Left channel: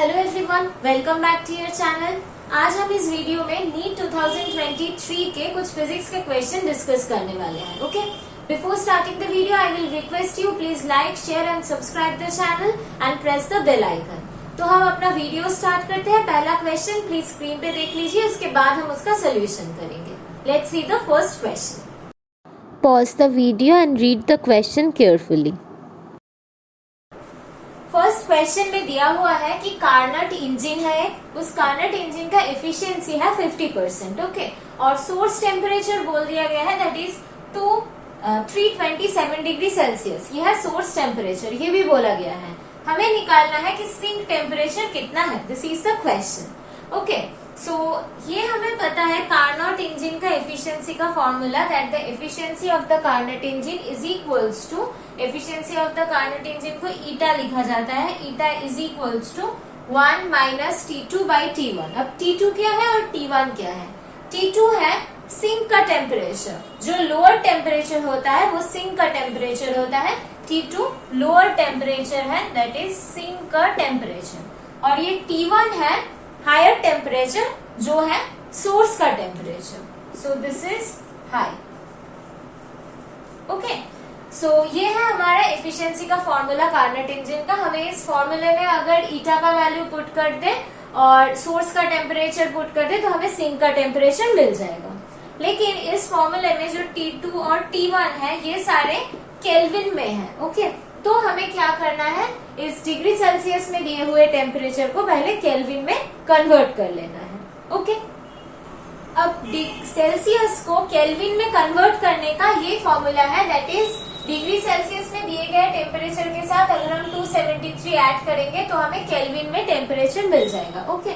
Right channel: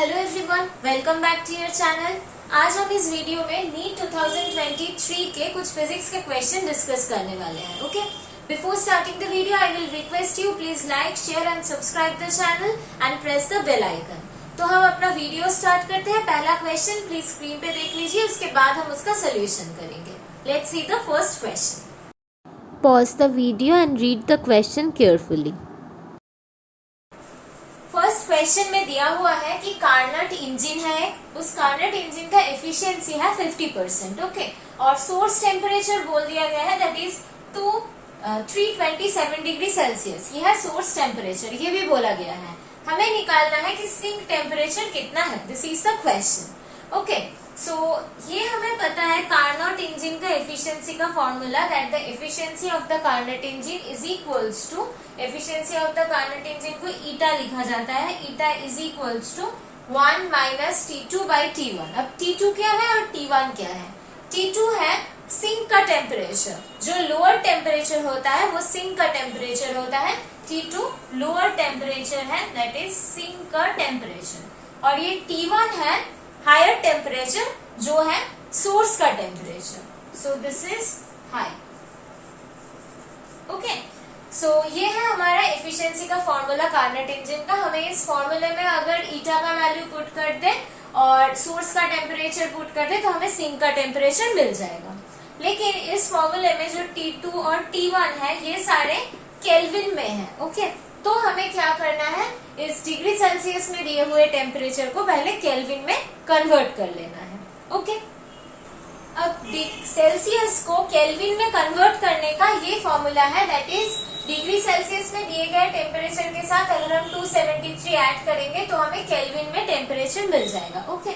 Hello everyone, welcome back to your channel. आज हम इस वीडियो में नीट 2023 के कुछ फिजिक्स के क्वेश्चन डिस्कस करने वाले हैं। Okay, before starting the video I will request you please like, share and subscribe the channel and press the bell icon. तो हम अपना वीडियो स्टार्ट करते हैं। पहला क्वेश्चन प्लीज स्क्रीन पे देख लीजिए, उसके बाद हम उसका सोल्यूशन करेंगे। Let's see the first question. Pause the video and read the question carefully. First question में दिया हुआ है कि कार्नट इंजन है, उस कार्नट इंजन का एफिशिएंसी है 50%। ओके, और सोर्स टेम्परेचर बोल दिया गया है दैट इज 327 डिग्री सेल्सियस। ये है सोर्स टेम्परेचर, ये भी बोला गया है। हमें निकालना है कि सिंक टेम्परेचर कितना है। This is the question. Okay, so ये हमें पता है कार्नट इंजन का एफिशिएंसी का formula that the efficiency of the Carnot engine is equals to, efficiency of the Carnot engine को ईटा लिखा जाता है। Eta is equals to 1 minus T2 by T1। अब T2 क्या है और T1 क्या है? T2 है सिंक का टेम्परेचर, जो लोअर टेम्परेचर होता है वो सिंक का टेम्परेचर होता है। T2 लोअर टेम्परेचर है, दैट इज सिंक का टेम्परेचर। और ये T1 है हायर टेम्परेचर, जो है सोर्स का temperature. So this is high. Okay, so ये है हमारा एफिशिएंसी का फॉर्मूला कार्नट इंजन का। हमें इस फॉर्मूले में अगर ईटा का वैल्यू पुट कर दे और सोर्स का टेम्परेचर पुट कर दे तो हमें सिंक का टेम्परेचर मिल जाएगा। लेकिन इस फॉर्मूले में जो T2 और T1 है ये सारे केल्विन में है। ओके, तो हमें क्या करना है, इस डिग्री सेल्सियस में दिए हुए टेम्परेचर को पहले केल्विन में कन्वर्ट कर लेना है। ओके, अब सेल्सियस को केल्विन में कन्वर्ट करने का ये फॉर्मूला है दैट इज डिग्री सेल्सियस में दिए गए टेम्परेचर के साथ अगर हम 273 ऐड करेंगे तो हमें केल्विन में टेम्परेचर मिल जाएगा। ओके,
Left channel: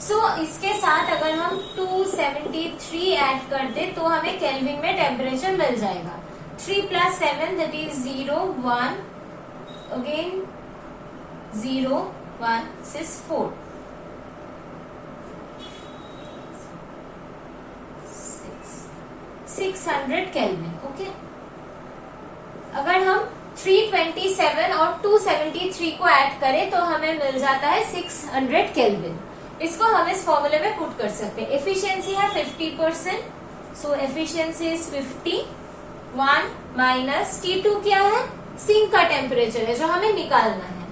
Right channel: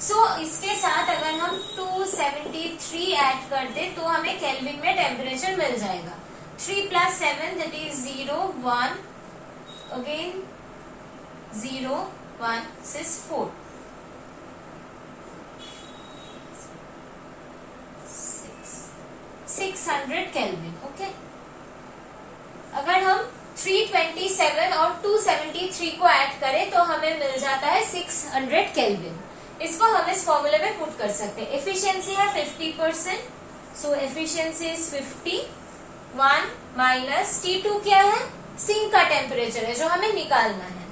सो इसके साथ अगर हम 273 ऐड कर दे तो हमें केल्विन में टेम्परेचर मिल जाएगा। 3 plus 7 that is 0 1 again 0 1 this is 4 600 kelvin. Okay, अगर हम 327 और 273 को ऐड करें तो हमें मिल जाता है 600 केल्विन। इसको हम इस फॉर्मूले में पुट कर सकते हैं। एफिशिएंसी है 50%, सो एफिशिएंसी इज 50। 1 माइनस T2 क्या है, सिंक का टेम्परेचर है जो हमें निकालना है,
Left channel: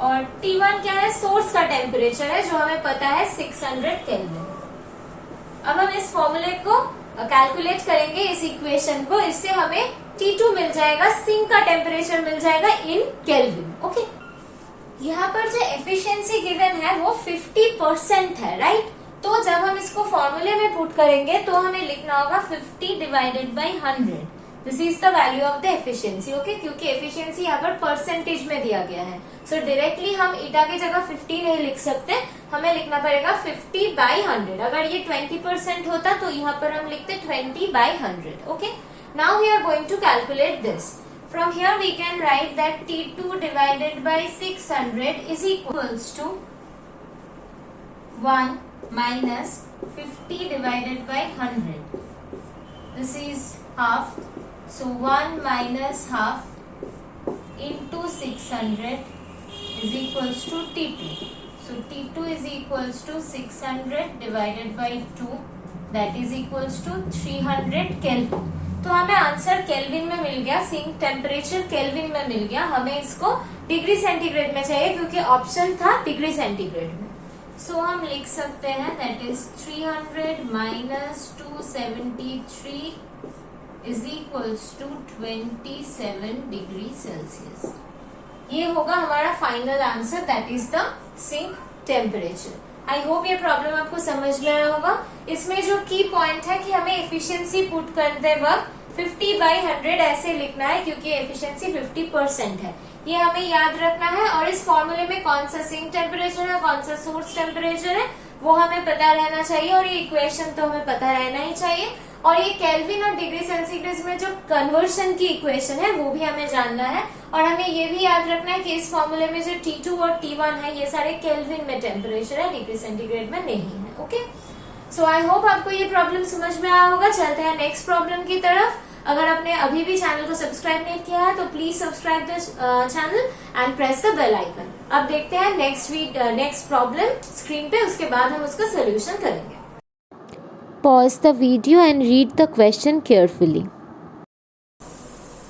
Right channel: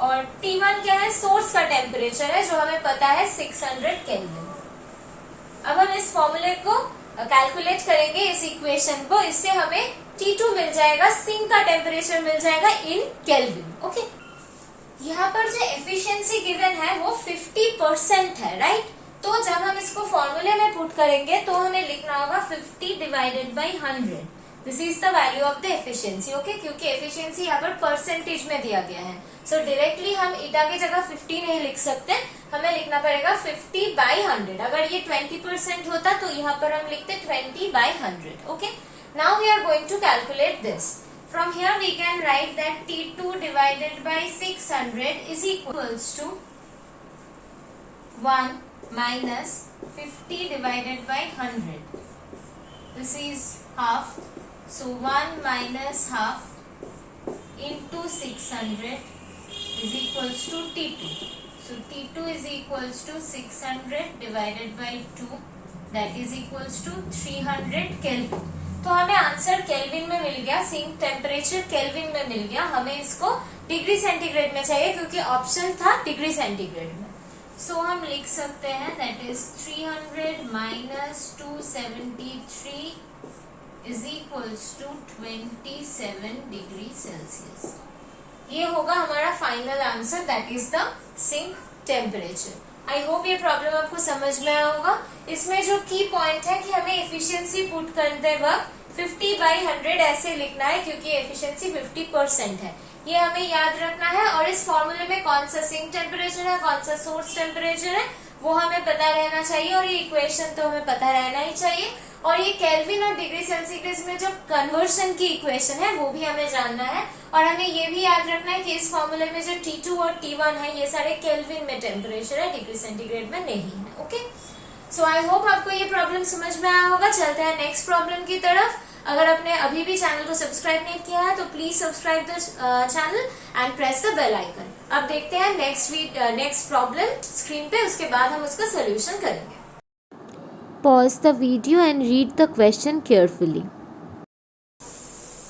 और T1 क्या है, सोर्स का टेम्परेचर है जो हमें पता है 600 केल्विन। अब हम इस फॉर्मूले को कैलकुलेट करेंगे, इस इक्वेशन को। इससे हमें T2 मिल जाएगा, सिंक का टेम्परेचर मिल जाएगा इन केल्विन। ओके, यहाँ पर जो एफिशिएंसी गिवन है वो 50% है, राइट? तो जब हम इसको फॉर्मूले में पुट करेंगे तो हमें लिखना होगा 50 divided by 100। This is the value of the efficiency. Okay, क्योंकि एफिशिएंसी यहाँ पर परसेंटेज में दिया गया है, सो डायरेक्टली हम ईटा की जगह 50 नहीं लिख सकते, हमें लिखना पड़ेगा 50 बाई 100। अगर ये 20% होता तो यहाँ पर हम लिखते 20 by 100। Okay, now we are going to calculate this. From here we can write that T2 divided by 600 is equals to 1 minus 50 divided by 100. This is half. So 1 minus half into 600 is equals to T2. So T2 is equals to 600 divided by 2, that is equals to 300 Kelvin. तो हमें answer kelvin में मिल गया, sink temperature kelvin में मिल गया। हमें इसको degree centigrade में चाहिए क्योंकि ऑप्शन था डिग्री सेंटीग्रेड में। सो हम लिख सकते हैं that is 300 minus 273 is equals to 27 degree Celsius. ये होगा हमारा final answer, that is the sink temperature. I hope ये प्रॉब्लम आपको समझ में आया होगा। इसमें जो की पॉइंट है कि हमें एफिशिएंसी पुट करते वक्त 50 बाई 100 ऐसे लिखना है क्योंकि एफिशिएंसी 50% है, ये हमें याद रखना है। और इस फॉर्मूले में कौन सा सिंक टेम्परेचर है, कौन सा सोर्स टेम्परेचर है वो हमें पता रहना चाहिए, और ये इक्वेशन तो हमें पता रहना ही चाहिए। और ये केल्विन और डिग्री सेंटीग्रेड में जो कन्वर्शन की इक्वेशन है वो भी हमें जानना है। और हमें ये भी याद रखना है कि इस फॉर्मूले में जो T2 और T1 है ये सारे केल्विन में टेम्परेचर है, डिग्री सेंटीग्रेड में नहीं है। ओके, सो आई होप आपको ये प्रॉब्लम समझ में आया होगा। चलते हैं नेक्स्ट प्रॉब्लम की तरफ। अगर आपने अभी भी चैनल को सब्सक्राइब नहीं किया है तो please subscribe the channel and press the bell icon. अब देखते हैं नेक्स्ट प्रॉब्लम स्क्रीन पे, उसके बाद हम उसका सोल्यूशन करेंगे। Pause the video and read the question carefully.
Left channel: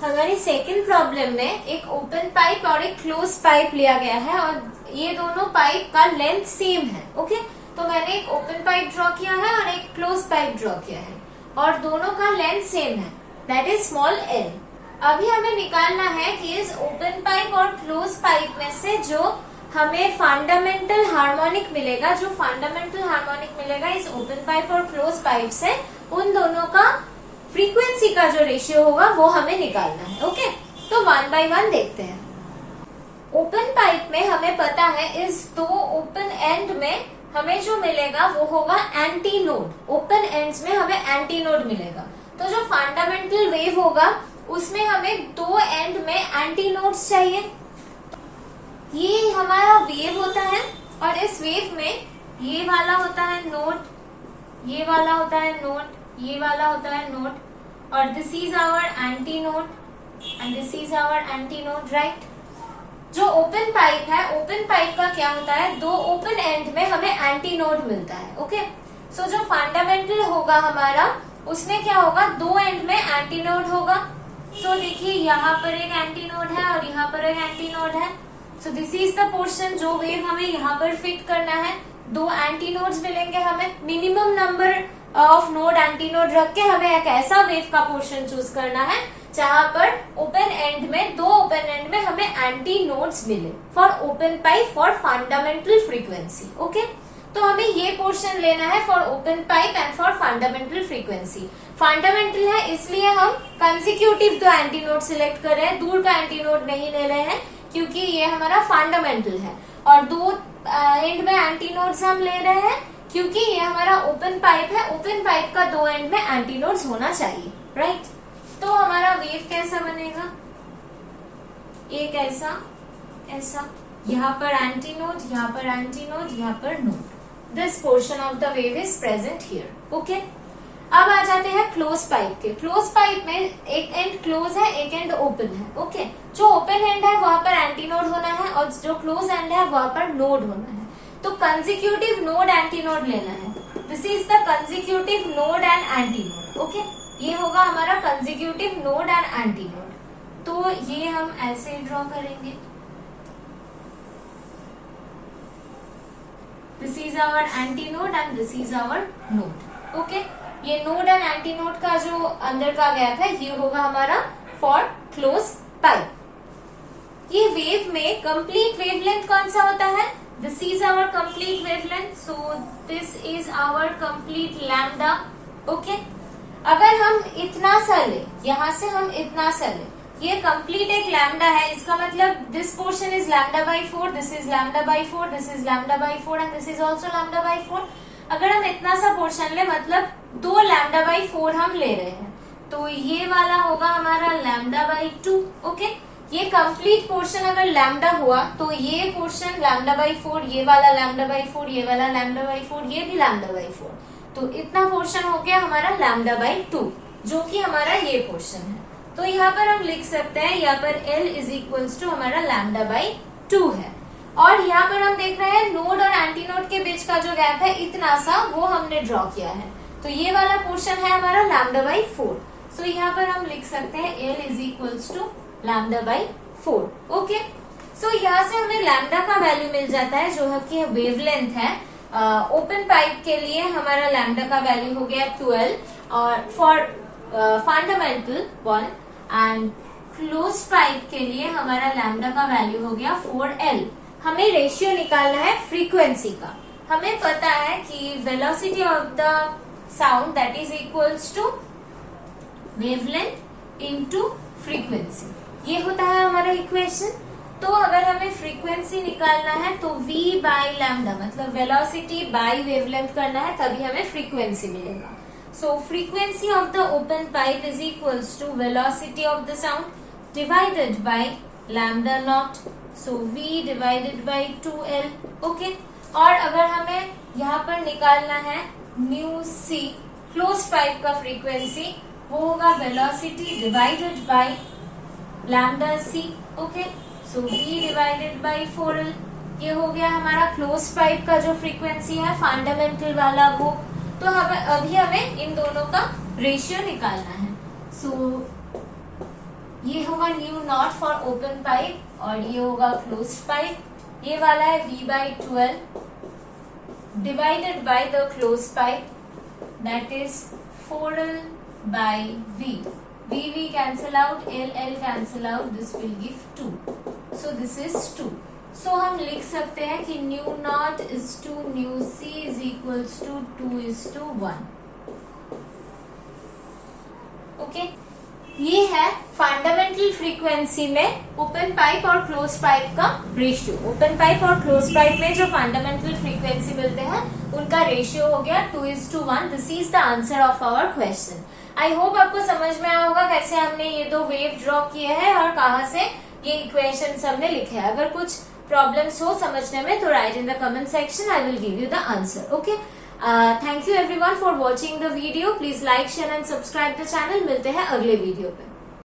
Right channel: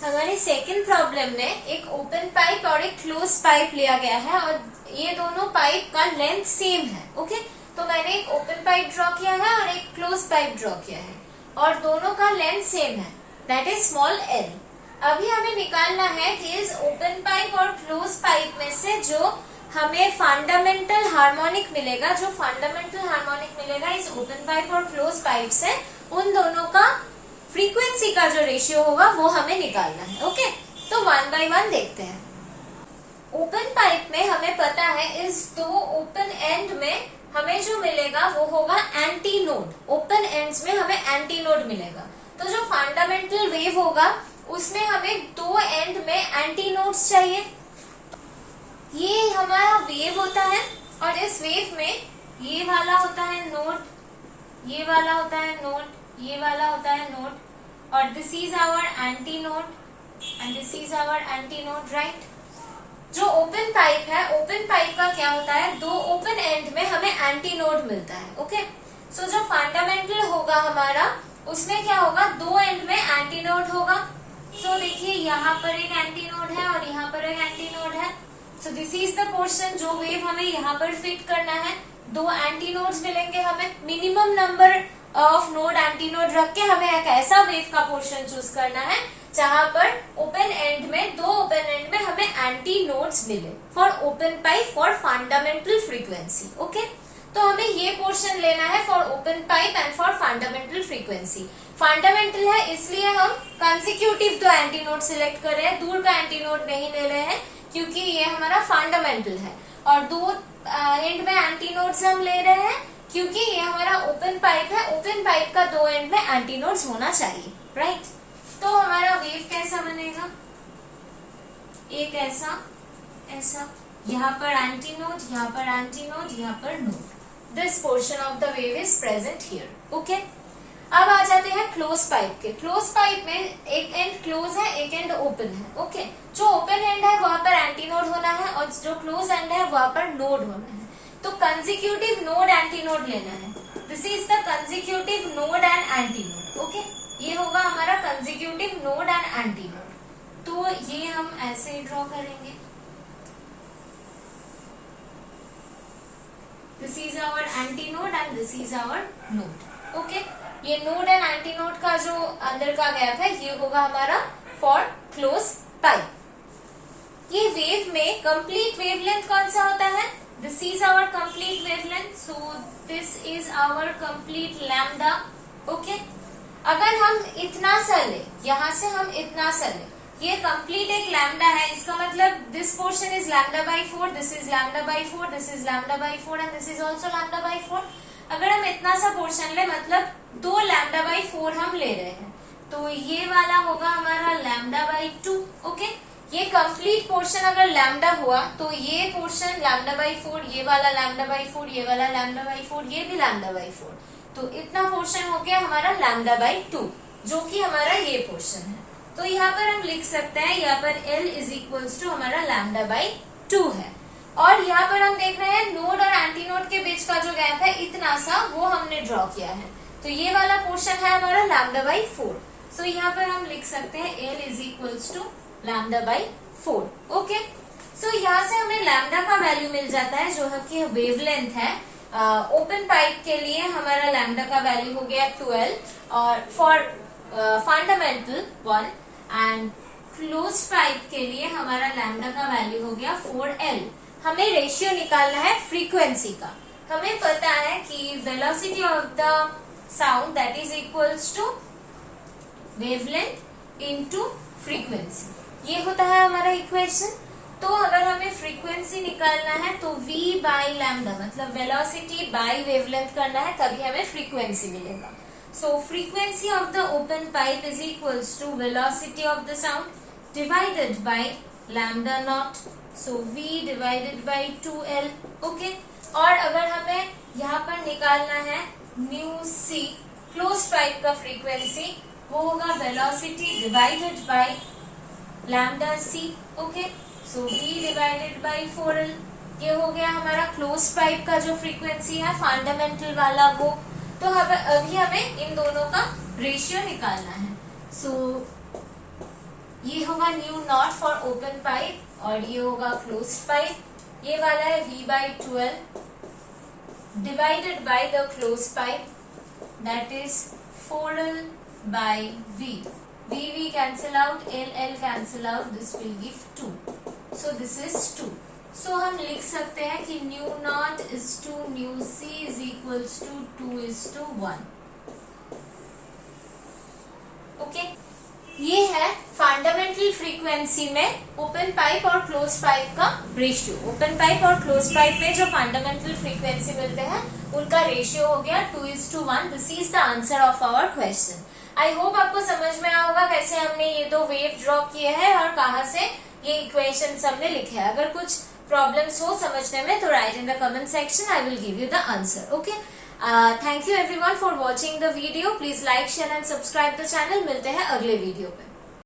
हमारी सेकंड प्रॉब्लम में एक ओपन पाइप और एक क्लोज पाइप लिया गया है और ये दोनों पाइप का लेंथ सेम है। ओके, तो मैंने एक ओपन पाइप ड्रॉ किया है और एक क्लोज पाइप ड्रॉ किया है और दोनों का लेंथ सेम है, दैट इज स्मॉल एल। अभी हमें निकालना है कि इस ओपन पाइप और क्लोज पाइप में से जो हमें फंडामेंटल हार्मोनिक मिलेगा, जो फंडामेंटल हार्मोनिक मिलेगा इस ओपन पाइप और क्लोज पाइप से, उन दोनों का फ्रीक्वेंसी का जो रेशियो होगा वो हमें निकालना है। ओके, तो 1 by 1 देखते हैं। ओपन पाइप में हमें पता है इस दो ओपन एंड में हमें जो मिलेगा वो होगा एंटी नोड। ओपन एंड्स में हमें एंटी नोड मिलेगा, तो जो फंडामेंटल वेव होगा उसमें हमें दो एंड में एंटी नोड्स चाहिए। ये हमारा वेव होता है और इस वेव में ये वाला होता है नोड, ये वाला होता है नोड, ये वाला होता है नोड, और this is our anti node and this is our anti node, right. जो ओपन पाइप है, ओपन पाइप का क्या होता है, दो ओपन एंड में हमें एंटी नोड मिलता है। ओके, सो जो फंडामेंटल होगा हमारा उसमें क्या होगा, दो एंड में एंटी नोड होगा। सो देखिए यहाँ पर एक एंटी नोड है और यहाँ पर एक एंटी नोड है। सो दिस इज द पोर्शन जो वेव हमें यहाँ पर फिट करना है। दो एंटी नोड्स मिलेंगे हमें, minimum number of node anti node रख के हमें एक ऐसा वेव का पोर्शन चूज करना है जहां पर ओपन एंड में, दो ओपन एंड में हमें एंटी नोड्स मिले for open pipe for fundamental frequency. Okay, तो हमें ये पोर्शन लेना है for open pipe and for fundamental frequency. Fundamental है इसलिए हम कंसेक्यूटिव दो एंटी नोड सिलेक्ट कर रहे हैं, दूर का एंटी नोड नहीं ले रहे हैं क्योंकि ये हमारा फंडामेंटल है। और दो एंड में एंटी नोड्स हम ले रहे हैं क्योंकि ये हमारा ओपन पाइप है। ओपन पाइप का दो एंड में एंटी नोड्स होना चाहिए, राइट। तो हमारा वेव कैसा बनेगा, एक ऐसा, ऐसा, यहाँ पर एंटी नोड, यहाँ पर एंटी नोड, यहाँ पर node. This portion of the wave is present here. Okay, अब आ जाते हैं क्लोज पाइप के। क्लोज पाइप में एक एंड क्लोज है, एक एंड ओपन है। ओके, जो ओपन एंड है वहां पर एंटी नोड होना है और जो क्लोज एंड है वहां पर नोड होना है। तो कंसेक्यूटिव नोड एंटी नोड लेना है। This is the consecutive node and anti node. Okay, ये होगा हमारा consecutive node and anti node. तो ये हम ऐसे ड्रॉ करेंगे। This is our anti node and this is our node. Okay, ये नोड एंड एंटी नोड का जो अंदर का गैप है ये होगा हमारा फॉर क्लोज पाइप। ये वेव में कंप्लीट वेवलेंथ कौन सा होता है, this is our complete wavelength, so this is our complete lambda. Okay, अगर हम इतना सा ले, यहां से हम इतना सा ले, ये कंप्लीट एक लैम्डा है, इसका मतलब this portion is lambda by 4, this is lambda by 4, this is lambda by 4 and this is also lambda by 4। अगर हम इतना सा पोर्शन ले मतलब 2 लैम्डा बाई 4 हम ले रहे हैं, तो ये वाला होगा हमारा लैम्डा बाई 2। ओके, ये कंप्लीट पोर्शन अगर लैम्डा हुआ तो ये पोर्शन लैम्डा बाई 4, ये वाला लैम्डा बाई 4, ये वाला लैम्डा बाई 4, ये भी लैम्डा बाई 4, तो इतना पोर्शन हो गया हमारा लैम्डा बाई 2, जो कि हमारा ये पोर्शन है। तो यहाँ पर हम लिख सकते हैं, यहाँ पर L इज इक्वल्स टू हमारा लैम्डा बाई 2 है। और यहाँ पर हम देख रहे हैं नोड और एंटी नोड के बीच का जो गैप है इतना सा, वो हमने ड्रॉ किया है। तो ये वाला पोर्शन है हमारा लैम्डा बाई 4। सो यहाँ पर हम लिख सकते हैं L is equals to lambda by 4। Okay, so यहाँ से हमें लैम्डा का वैल्यू मिल जाता है जो कि वेवलेंथ है। ओपन पाइप के लिए हमारा लैम्डा का वैल्यू हो गया 12 और for fundamental 1 and close pipe के लिए हमारा लैम्डा का वैल्यू हो गया 4L। हमें रेशियो निकालना है फ्रीक्वेंसी का। हमें पता है कि velocity of the sound that is equals to wavelength into frequency, ये होता है हमारा इक्वेशन। तो अगर हमें फ्रीक्वेंसी निकालना है तो v बाई लैम्डा मतलब वेलोसिटी बाई वेवलेंथ करना है, तभी हमें फ्रीक्वेंसी मिलेगा। So frequency of the open pipe is equals to velocity of the sound divided by lambda not, so v divided by 2L। Okay, और अगर हमें यहाँ पर निकालना है न्यू सी क्लोज पाइप का फ्रीक्वेंसी वो होगा velocity divided by lambda c. Okay, so v divided by 4l. ये हो गया हमारा क्लोज पाइप का जो फ्रीक्वेंसी है फंडामेंटल वाला वो. तो अभी हमें इन दोनों का रेशियो निकालना है. सो ये होगा new not for open pipe और ये होगा क्लोज पाइप. ये वाला है v/12 divided by the close pipe, that is 4l by v. v cancel out, l cancel out, this will give 2. So this is 2. So हम लिख सकते हैं कि nu naught is to nu c is equals to 2:1. Okay, ये है fundamental frequency में open pipe और close pipe का रेशियो. ओपन पाइप और क्लोज पाइप में जो फंडामेंटल फ्रीक्वेंसी मिलते हैं उनका रेशियो हो गया 2:1. This is the answer of our question. I hope आपको समझ में आया होगा कैसे हमने ये दो वेव ड्रॉ किए हैं और कहाँ से ये इक्वेशन हमने लिखे हैं. अगर कुछ प्रॉब्लम्स हो समझने में तो right in the comment section, I will give you the answer. Okay, thank you everyone for watching the video. Please like share and subscribe the channel. मिलते हैं अगले वीडियो पे.